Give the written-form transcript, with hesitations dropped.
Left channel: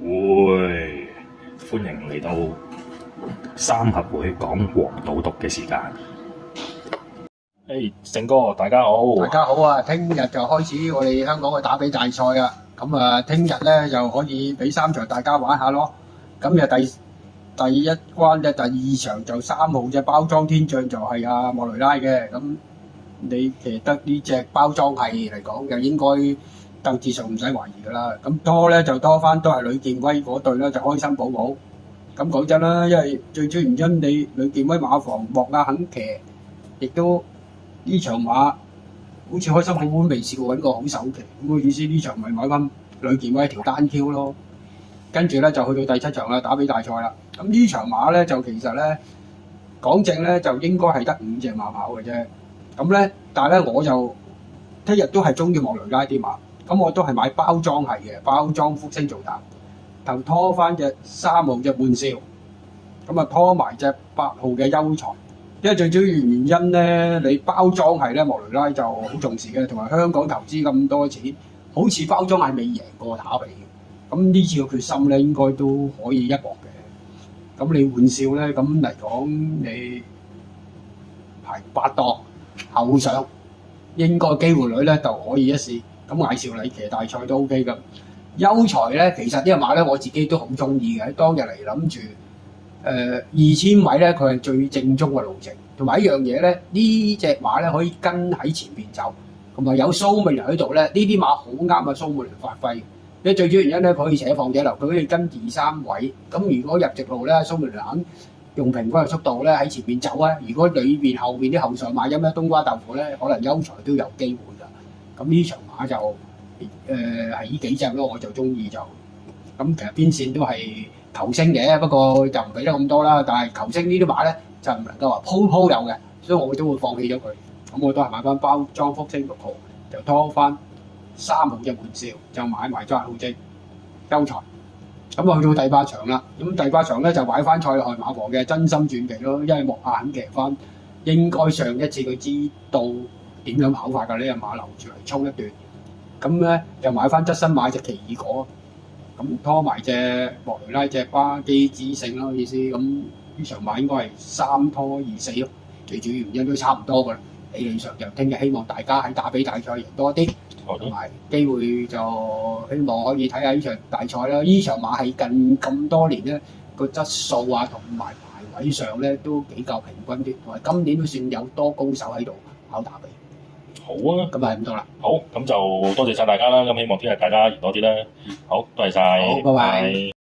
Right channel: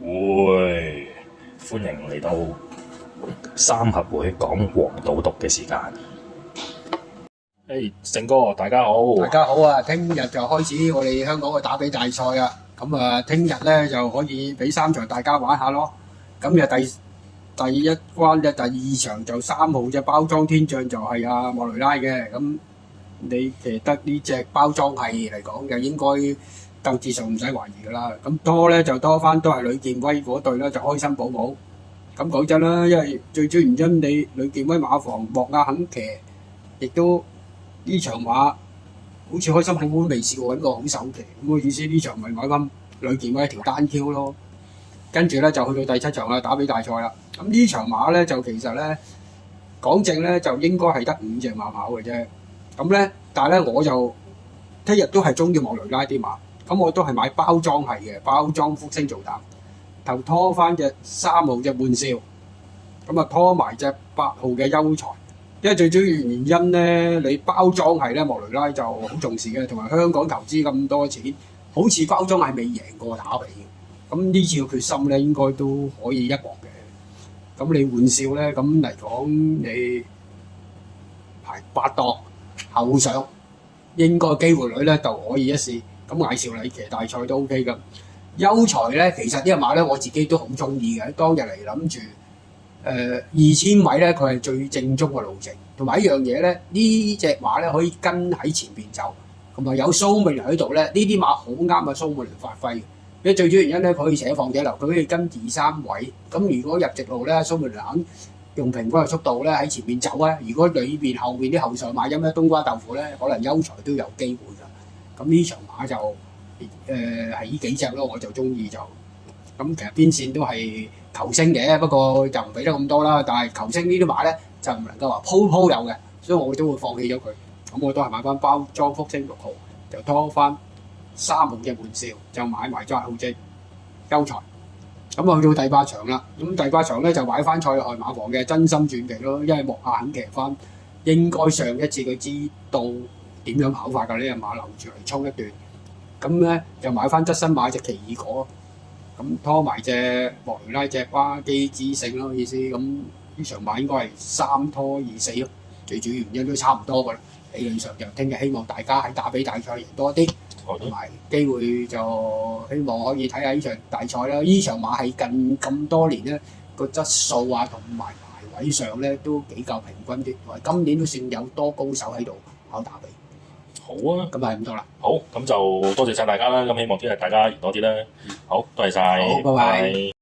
會，歡迎嚟到三合會講黃賭毒嘅時間。成哥，大家好。大家好啊！聽日就開始我哋香港嘅打比大賽啊！咁啊，聽日咧就可以俾3場大家玩下咯。咁就第一關嘅第2場就3號嘅包裝天將就係阿莫雷拉嘅。咁你騎得呢隻包裝係嚟講，就應該鬥志上唔使懷疑噶啦。咁多咧就多翻都係呂健威嗰隊啦，就開心寶寶。咁講真啦，因為最主要原因你呂健威馬房莫亞肯騎，亦都呢場馬好似開心寶寶未試過揾個好手騎，咁嘅意思呢場咪買翻呂健威一條單 Q 咯。跟住咧就去到第7場啦，打比大賽啦。咁呢場馬咧就其實咧講正咧就應該係得5隻馬跑嘅啫。咁咧，但係咧我就聽日都係中意莫雷拉啲馬，咁我都係買包裝係嘅，包裝福星做膽，就拖翻隻3號嘅悶笑，咁啊拖埋隻8號嘅優才。因為最主要原因咧，你包裝係咧莫雷拉就好重視嘅，同埋香港投資咁多錢，好似包裝係未贏過打比嘅。咁呢次嘅決心咧，應該都可以一搏嘅。咁你換笑咧，咁嚟講你排8檔後上，應該機會率咧就可以一試。咁艾兆禮騎大賽都 OK 㗎。優才咧，其實呢隻馬咧我自己都好中意嘅。當日嚟諗住2000米咧，佢係最正宗嘅路程，同埋一樣嘢咧，呢隻馬咧可以跟喺前邊走，同埋有蘇美倫喺度咧，呢啲馬好啱啊蘇美倫發揮。你最主要原因咧，佢可以扯放者流，佢可以跟2、3位。咁如果入直路咧，蘇美倫肯用平均嘅速度咧喺前面走啊。如果裏邊後邊啲後上馬因咩冬瓜豆腐咧，可能優才都有機會㗎。咁呢場馬就係呢幾隻咯，我就中意就。咁其實邊線都係球星嘅，不過就唔俾得咁多啦。但係球星呢啲馬咧就唔能夠話鋪有嘅，所以我都會放棄咗佢。咁我都係買翻包裝福星6號，就拖翻3號嘅玩笑，就買埋8號隻優才。咁去到第8場啦，咁第8場咧就買翻賽外馬王嘅真心傳奇咯，因為莫亞肯騎翻，應該上一次佢知道點樣跑法㗎，呢隻馬留住嚟衝一段。咁咧就買翻側身買隻奇異果，咁拖埋隻莫雷拉隻巴基之勝咯意思。咁呢場馬應該係3拖2死咯，最主要原因都差唔多㗎啦。理論上就聽日希望大家喺打比大賽贏多啲，同埋機會就希望可以睇下呢場大賽啦。呢場馬係近咁多年咧個質素啊同埋排位上咧都比較平均啲，同埋今年都算有多高手喺度跑打比。好啊，咁就係咁多啦。好，咁就多謝晒大家啦。咁希望聽日大家贏多啲啦。好，多謝晒。好，拜拜。